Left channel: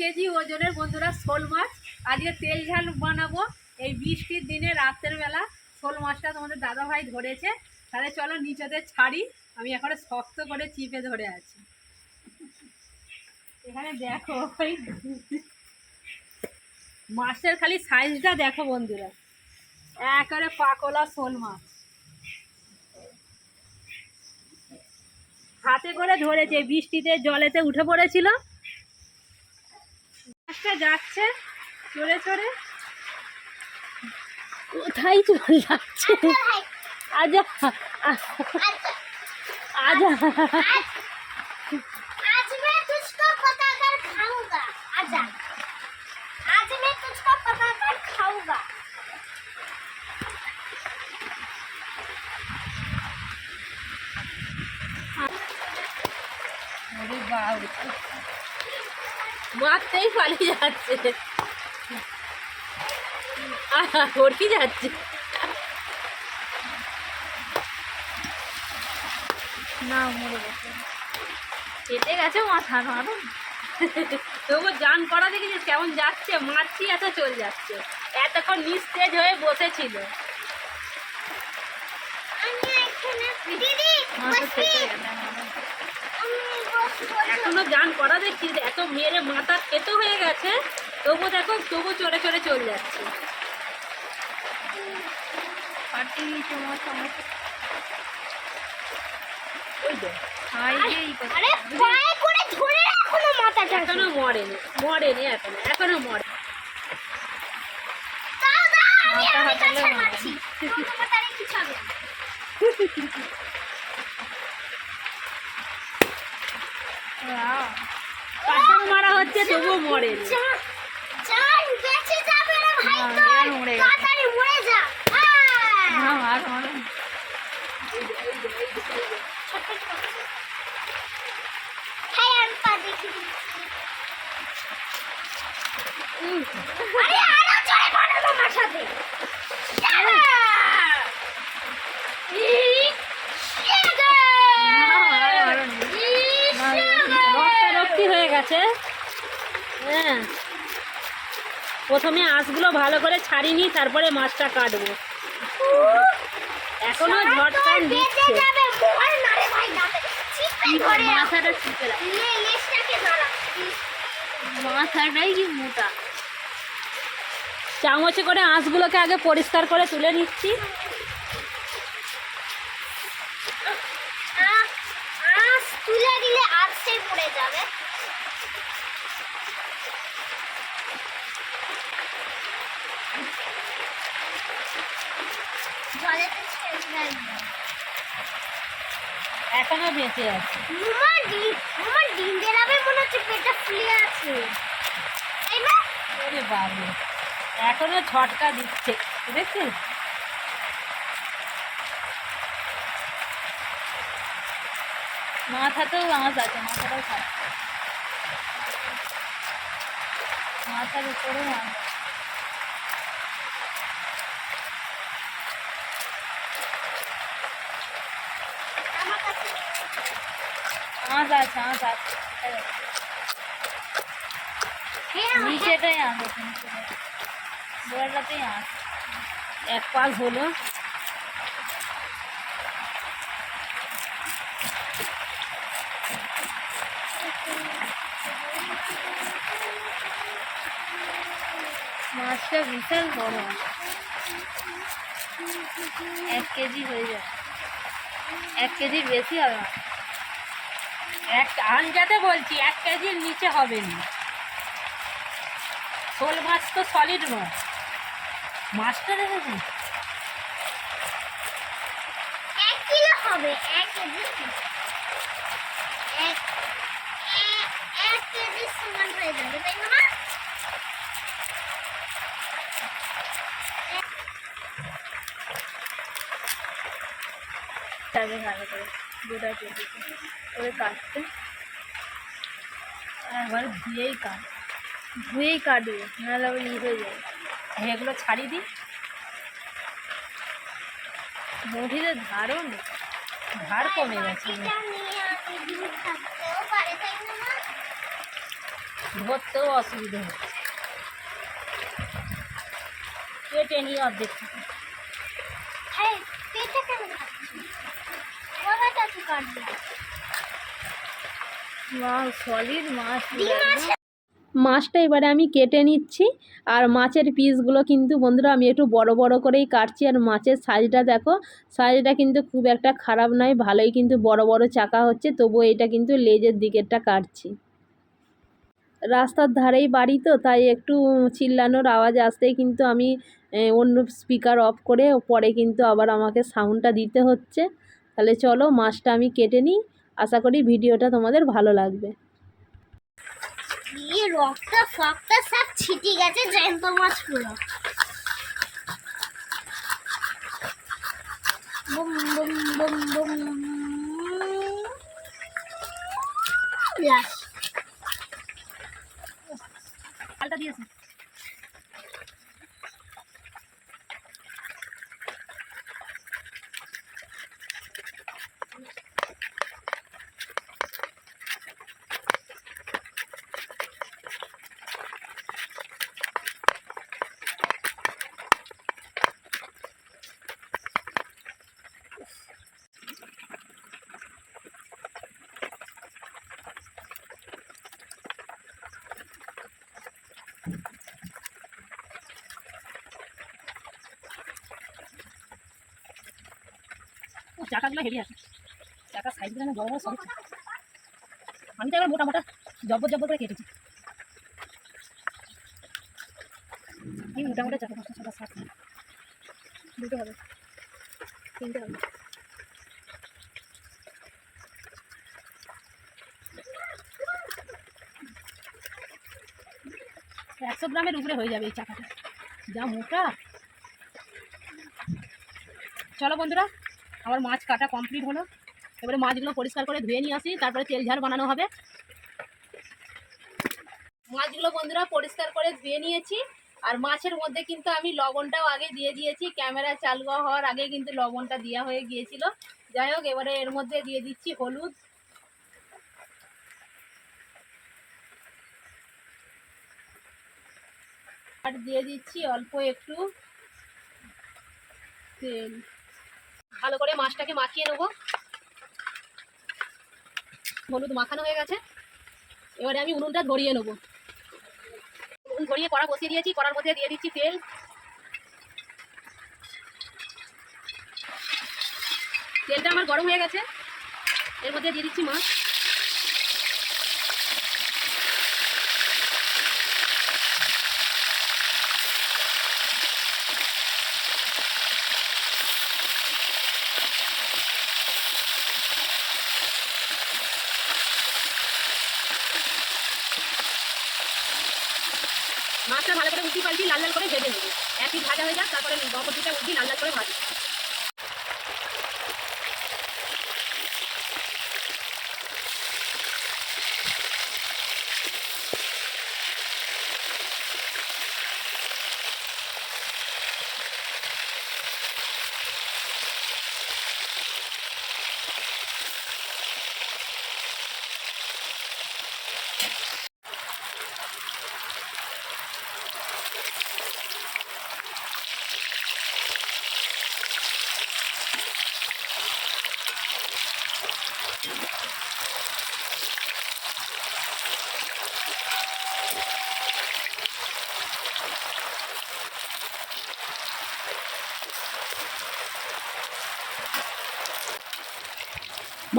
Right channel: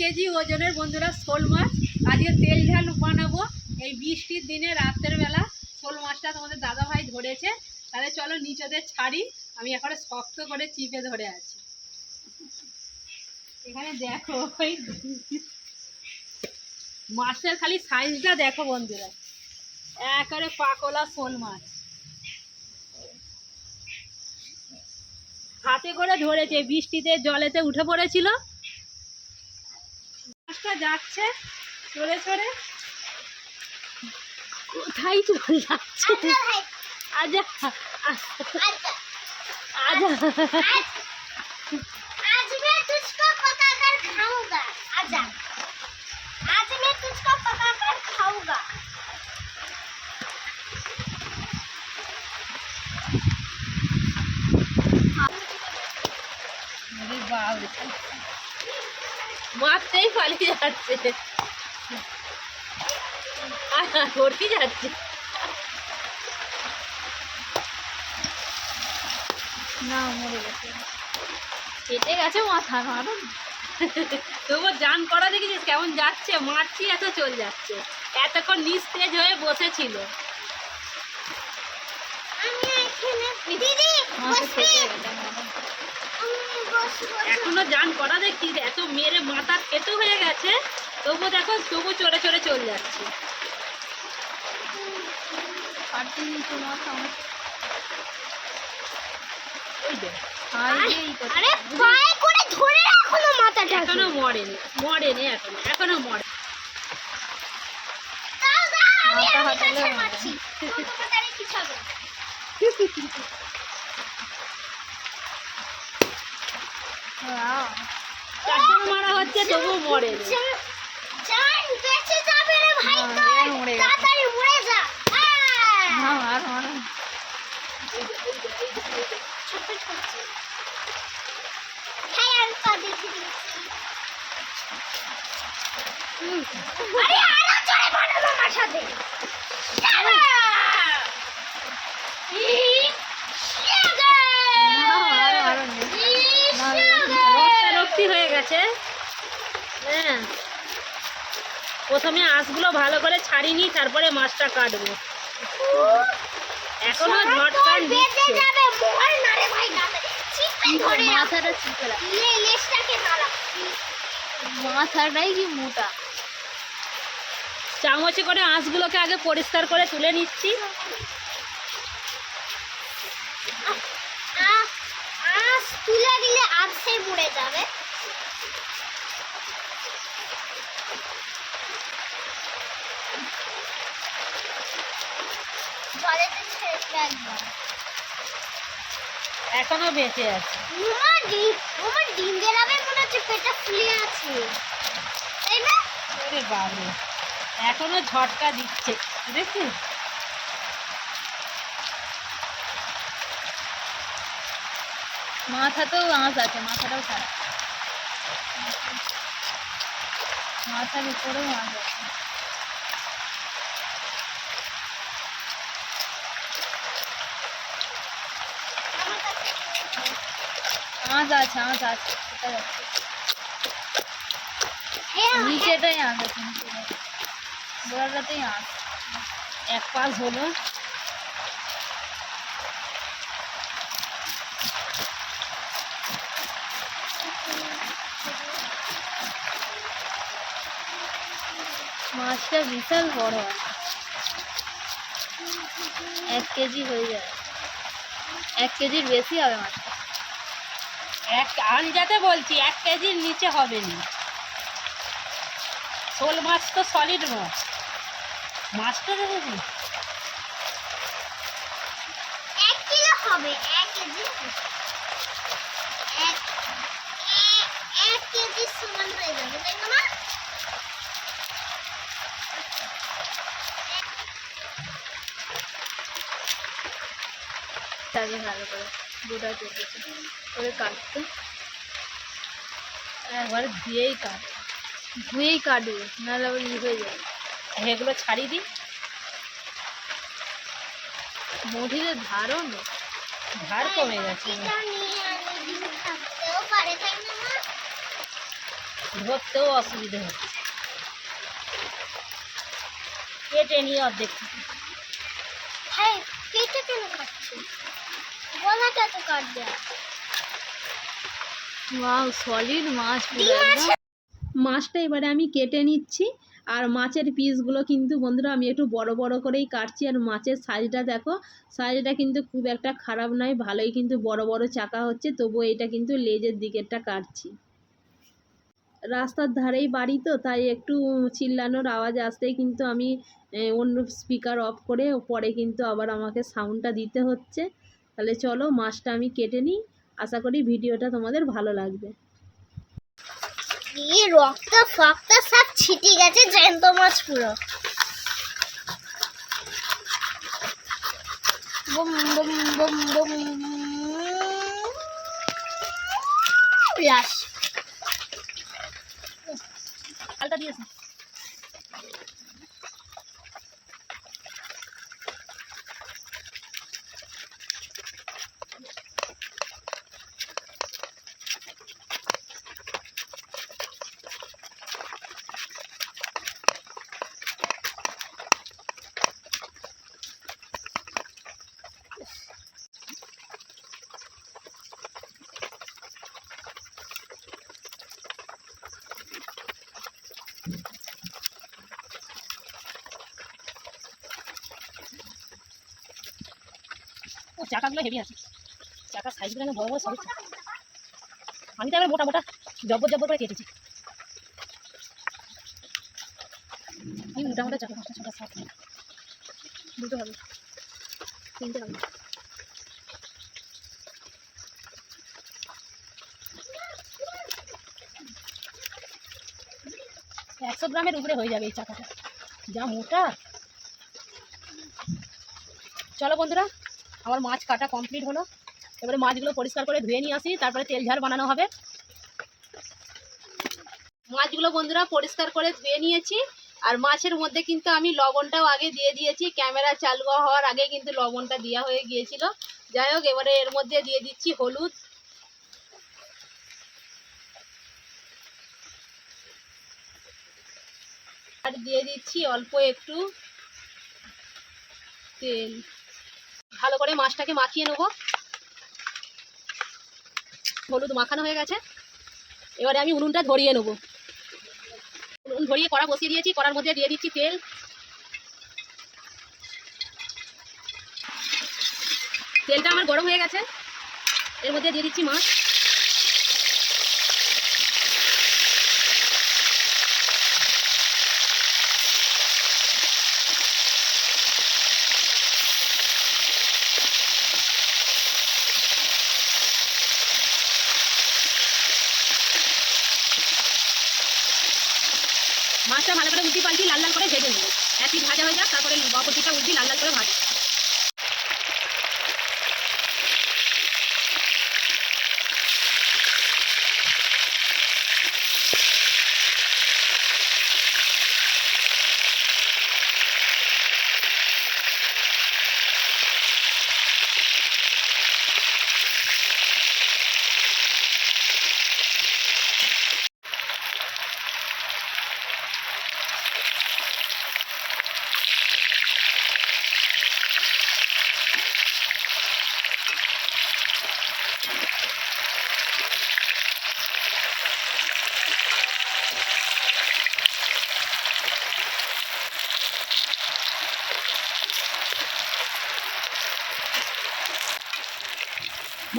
KG ওজনের বন্ধুরা শোল মাছ। আজকে তেল ঝাল বানাবো। এই বৃষ্টির দিনে রাতের বেলা শোল মাছটা তোমাদের দাদা ভাই ধরেছে। তাহলে চলো নিচেতে ছাড়ি। আমি এখন শক্ত করে চিপে ধরে আছি। এখানে দেখো ওই মাছের খালি সাইজটা দেখো বন্ধুরা। একেবারে পাকলা শোল মাছ। হাতে করে ধরেছে। বৃষ্টিতে জলেতে উঠে পড়েছিল। মাছটা যাচ্ছে চলে চলে কোথায় চলে যাচ্ছে? আজা আজা মারতেই পালিয়ে যাচ্ছে। আহা, ওরকি যাচ্ছে। না মরে গেছে। কেটে গেছে মাথা মারো তবু জান করা দেখেছিস কেমন যাচ্ছে? মারছি এত চলে যাচ্ছে। এতক্ষণ নিস্তেজ হয়ে বসেছিল। আমি এখানে দিদি মাথা বসবি? থেকে গেছে আমার। আমি বসবো না। এখনও জান করা দেখছিস এত মেরে মাথা খেতে হয়ে গেছে তবু দেখো তবু চড়ে চড়ে চলে যাচ্ছে। এখনও মরেনি মরেনি এখনও এখনও মরে। মাথা হাতালে কাটাও মারা হচ্ছে তবুও মরে বেঁচে যাবে রে ভাই মরে গেছে। তাড়াতাড়ি মরে যা আহ! ছোট ছোট হ্যাঁ আমি পা দেখে দিচ্ছি আরে আরও জোরে বানানো আমার সাথে শালা! ই- শালা! ই- শালা! রক্তারক্তি হয়ে গেছে হ্যাঁ প্রথমে আঁশগুলো ভালো করে ছাড়িনি তারপরে মাছটা কাটবো। এখনও ঝটকান দিচ্ছে। না মাথাটা মাথাটাই কি মোটা। চামচে করে আঁশগুলোকে আগে পরিষ্কার করে তুলে নিচ্ছি। তুলে দিলে আঁশে পড়ে যাবে জলেতে ছেড়ে রাখব এখনও বেঁচে আছে। ডিম ডিম মনে হচ্ছে পেটটা ফুলে আছে। তাই না? ওরে বাবরে এখনও ঝটকা দিচ্ছে বুঝেছিস? মাথাতেও আঁশ আছে মাথাটাও খারাপ। মাথার উপরেও আঁশ আছে। আঁশ আছে আঁশ আছে সেটা যাচ্ছে হ্যাঁ নিচেটাই আঁশ আছে নিচেটাই গোড়াটাতেই আঁশ এক পাশ হলো মাছটা বিশাল বড় আছে এক কেজি হয়ে যায় এক কেজির বেশি হবে মাছ এক আনজাতে বলছি এক কেজির নিচে হবে না। শোল মাছ তো সলিড মাছ। মাছটা কিলো হবে এক কেজি এক কেজি সমান হয়ে যাবে তাই না ভালো করে গোটা কেটেছে করে কাটতে একবার দিয়েই কাট ধুয়েই কাটবে নাহলে আবার ই হয়ে যাবে এগুলো ছাড়ি দিই মুঠিতে ধারও নেই ধার কমে গেছে বাটিটা নিয়ে আমি ডিম থাকতেও পারে তাই না মা ধরতেও অসুবিধে হচ্ছে কেটে নিয়ে অর্ধেক থেকে। হ্যাঁ পেটটা কেন খাচ্ছি গলাটা তো কাটবে। ওয়াও সলিড মাছ পুরো মাছটা এবারে আমি কেটে নিচ্ছি আর মাছের পিসগুলো কিন্তু বন্ধুরা আমি একটু বড় বড় করেই কাটছি আর মাছের সাইজটা দেখো সাইজটা কিন্তু খুব একটা খারাপ নয় ভালোই কিন্তু বড় বড় চাকা হচ্ছে তবুও এটা কিন্তু লেজের দিকেরটা কাটছি। রাস্তার ধারেই বাড়ি তো তাই একটু চিল্লানোর আওয়াজ আসতেই কিন্তু আমি অন্য স্পিকার অফ করে পরে কিন্তু আবার আমাকে সাউন্ডটা দিতে হচ্ছে। তাহলে চলো মাছটা আমি কেটে নিই। আশা করি ভিডিওটা তোমাদের ভালো লাগবে। দিয়ে রক্ত ফক্ত সব ছিটি গেছে জ্যান্ত মাছ পুরো বুম বুম বুম। বুম আলটা দিয়েছি। চাকাগুলো হেভি আছে। চাকার সাইজগুলো বড় বড় সব আমি তো আবার মোটা মোটা জব্বর জব্বর করে কেটেছি। আমি মোটা মোটা চাকা পাঁচটা, ছটা সাত দুটো হবে। তিনটে হবে। একশো গ্রামের উপরে হয়ে যাবে এই চাকাটা। যা মোটা। চলো বন্ধুরা আমার মাছ কাটা কমপ্লিট হলো। এবারে মাছগুলো পরিষ্কার করে ধুয়ে নিয়ে আসি, তারপরে তেল ঝাল বানানো হবে। মাছগুলো বন্ধুরা পরিষ্কার করে ধুয়ে নিয়েছি, আর মাছের মধ্যে কিন্তু আমি লবণটাও আগে দিয়ে দিয়েছি। ক্যামেরা চালু হওয়ার আগে কিন্তু লবণটা দেওয়া হয়ে গিয়েছিল। যাই হোক, এবারে এর মধ্যে দিয়ে দিচ্ছি হলুদ। আর দিয়ে দিচ্ছি অল্প একটু তেল। ভালো করে মাছটাকে মাখিয়ে নেব। হলুদ মাখানো হয়ে গেছে। এবারে আমি উনুনটা ধরিয়ে নেব। উনুন ধরিয়ে কড়া বসিয়ে দিয়েছি, কড়ার মধ্যে দিয়ে দিচ্ছি তেল। তেলটা আমার গরম হয়ে গেছে। এর মধ্যে দিয়ে দিচ্ছি মাছ মাছটা ভালো করে উল্টি পাল্টি লাল লাল করে ভেজে নেব একই ভাজা হয়ে যাক তারপরে বকটিটা উল্টি লাল লাল করে ভাজি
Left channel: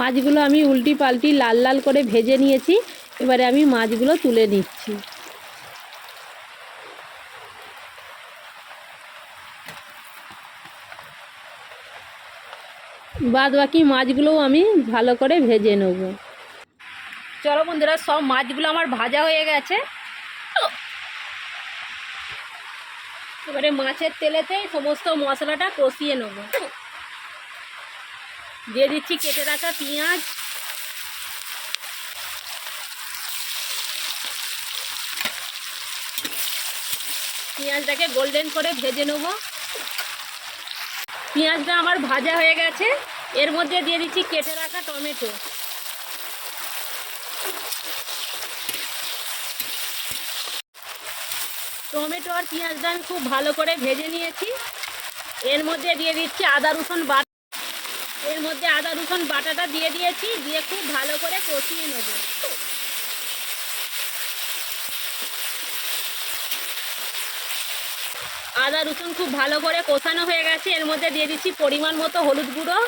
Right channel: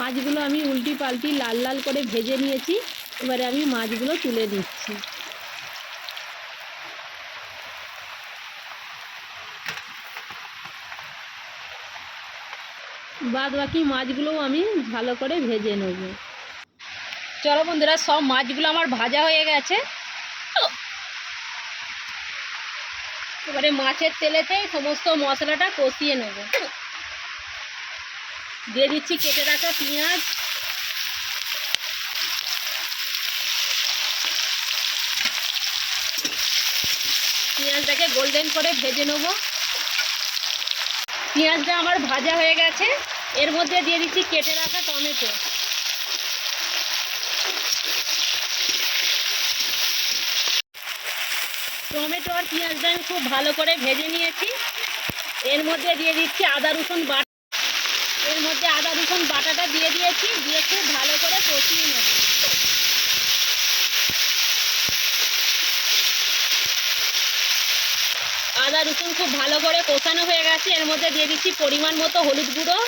মাছগুলো আমি উল্টি পাল্টি লাল লাল করে ভেজে নিয়েছি। এবারে আমি মাছগুলো তুলে নিচ্ছি। বাদ বাকি মাছগুলোও আমি ভালো করে ভেজে নেব। চলো বন্ধুরা, সব মাছগুলো আমার ভাজা হয়ে গেছে। এবারে মাছের তেলেতে সমস্ত মশলাটা কষিয়ে নেব। দিয়ে দিচ্ছি, কেটে রাখা পেঁয়াজ। পেঁয়াজটাকে গোল্ডেন করে ভেজে নেব। পেঁয়াজটা আমার ভাজা হয়ে গেছে। এর মধ্যে দিয়ে দিচ্ছি কেটে রাখা টমেটো। টমেটো আর পেঁয়াজটা আমি খুব ভালো করে ভেজে নিয়েছি। এর মধ্যে দিয়ে দিচ্ছি আদা, রসুন বাটা। এর মধ্যে আদা রসুন বাটাটা দিয়ে দিয়েছি, দিয়ে খুব ভালো করে কষিয়ে নেব। আদা রসুন খুব ভালো করে কষানো হয়ে গেছে, এর মধ্যে দিয়ে দিচ্ছি পরিমাণ মতো হলুদ গুঁড়ো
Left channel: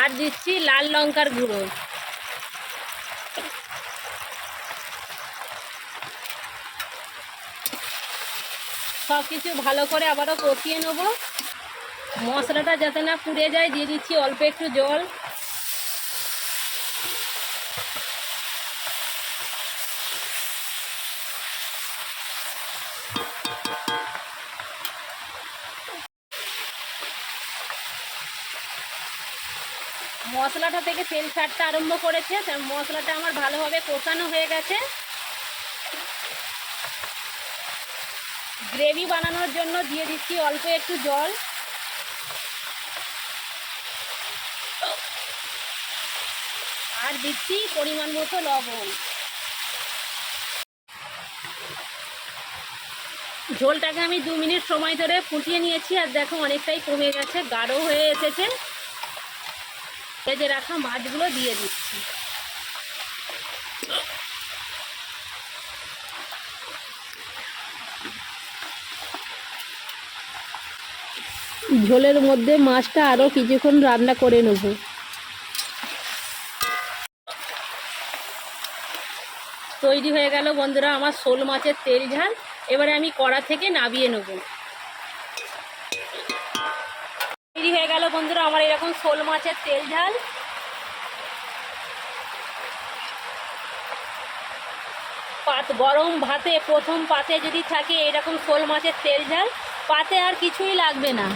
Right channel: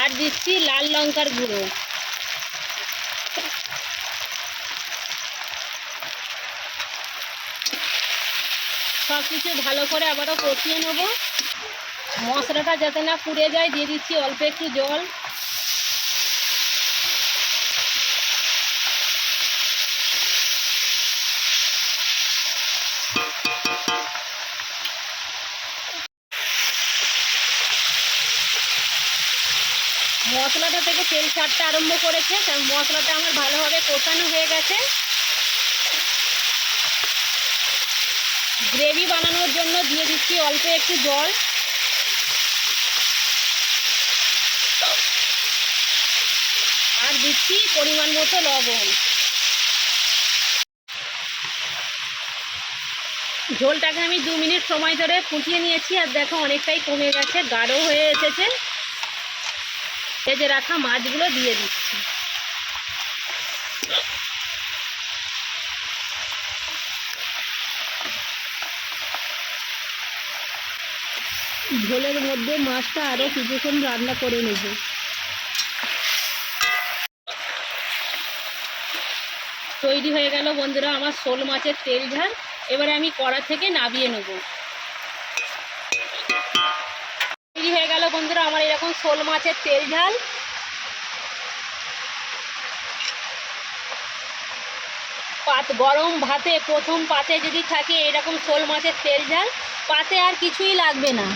আর দিচ্ছি লাল লঙ্কার গুঁড়ো। সব কিছু ভালো করে আবারও কষিয়ে নেব। মশলাটা যাতে না পুড়ে যায়, দিয়ে দিচ্ছি অল্প একটু জল। মশলাটা থেকে তেল ছাড়তে আরম্ভ করেছে মশলাটা আমার ভালোভাবে কষানো হয়ে গেছে। গ্রেভি বানানোর জন্য দিয়ে দিচ্ছি অল্প একটু জল। আর দিচ্ছি পরিমাণ মতো লবণ। ঝোলটাকে আমি দু মিনিট সময় ধরে ফুটিয়ে নিয়েছি আর দেখো অনেকটাই কমে গেছে, গাঢ় হয়ে এসেছে। ভেজে রাখা মাছগুলো দিয়ে দিচ্ছি। ঝোলের মধ্যে মাছটা আরও কিছুক্ষণ রান্না করে নেব। তৈরি হয়ে গেল বন্ধুরা আমার শোল মাছের তেল ঝাল। এবারে আমি কড়া থেকে নাবিয়ে নেব। তৈরি হয়ে গেল বন্ধুরা আমার এরকম শোল মাছের তেল ঝাল। পাত গরম ভাতে, প্রথম পাতে যদি থাকে এরকম শোল মাছের তেল ঝাল, পাতে আর কিছুই লাগবে না।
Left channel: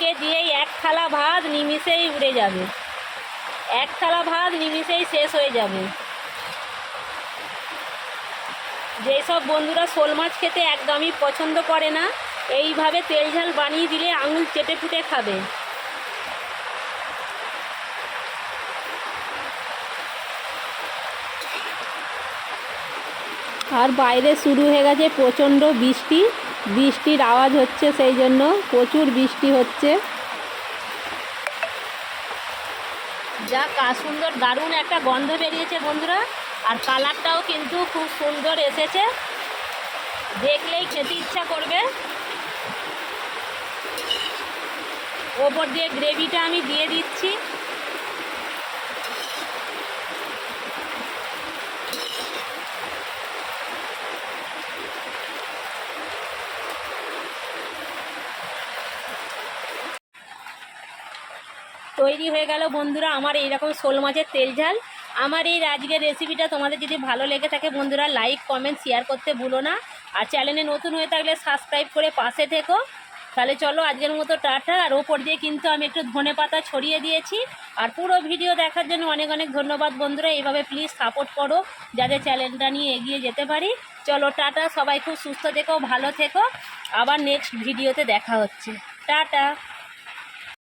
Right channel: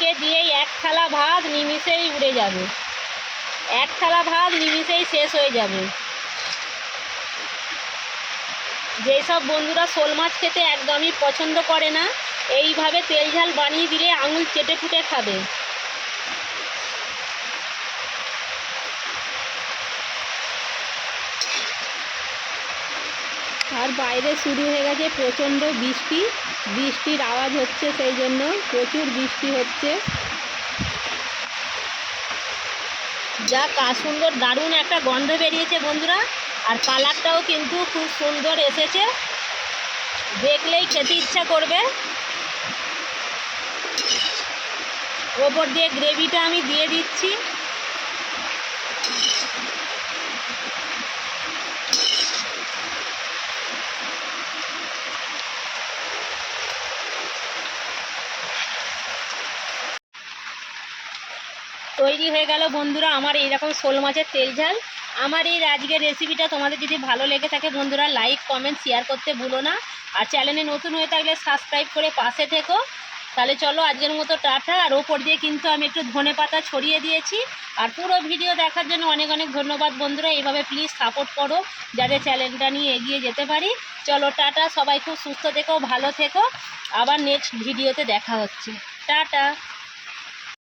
একে দিয়েই এক থালা ভাত নিমিষেই উড়ে যাবে। এক থালা ভাত নিমিষেই শেষ হয়ে যাবে। যেসব বন্ধুরা শোল মাছ খেতে একদমই পছন্দ করে না, এইভাবে তেল ঝাল বানিয়ে দিলে আঙুল চেটে ফুটে খাবে। আর বাইরে শুরু হয়ে গেছে প্রচণ্ড বৃষ্টি। বৃষ্টির আওয়াজ হচ্ছে সেই জন্য প্রচুর বৃষ্টি হচ্ছে। যা কা সুন্দর দারুণ একটা গন্ধ বেরিয়েছে বন্ধুরা, আর কালারটাও কিন্তু খুব সুন্দর এসেছে। দেখলেই খেতে ইচ্ছা করবে। ওপর দিয়ে গ্রেভিটা আমি দিয়ে দিচ্ছি। তৈরি হয়ে গেল। বন্ধুরা, আমার এইরকম শোল মাছের তেল ঝাল। আমার এই আজকের রেসিপিটা তোমাদের যদি ভালো লেগে থাকে বন্ধুরা লাইক কমেন্ট শেয়ার করতে ভুলো না। আর চ্যানেলে নতুন হয়ে থাকলে সাবস্ক্রাইব করে পাশে থেকো। তাহলে চলো আজকের মতো টাটা। আর ওপর দিয়ে কিন্তু আমি একটু ধনে পাতা ছড়িয়ে দিয়েছি। আর পুরো ভিডিও দেখার জন্য অনেক অনেক ধন্যবাদ বন্ধুরা। এইভাবে প্লিজ সাপোর্ট করো, যাতে চ্যানেলটা নিয়ে এগিয়ে যেতে পারি। চলো টাটা। সবাই খুব সুস্থ থেকো, ভালো থেকো। আবার নেক্সট ভিডিওতে দেখা হচ্ছে। টাটা।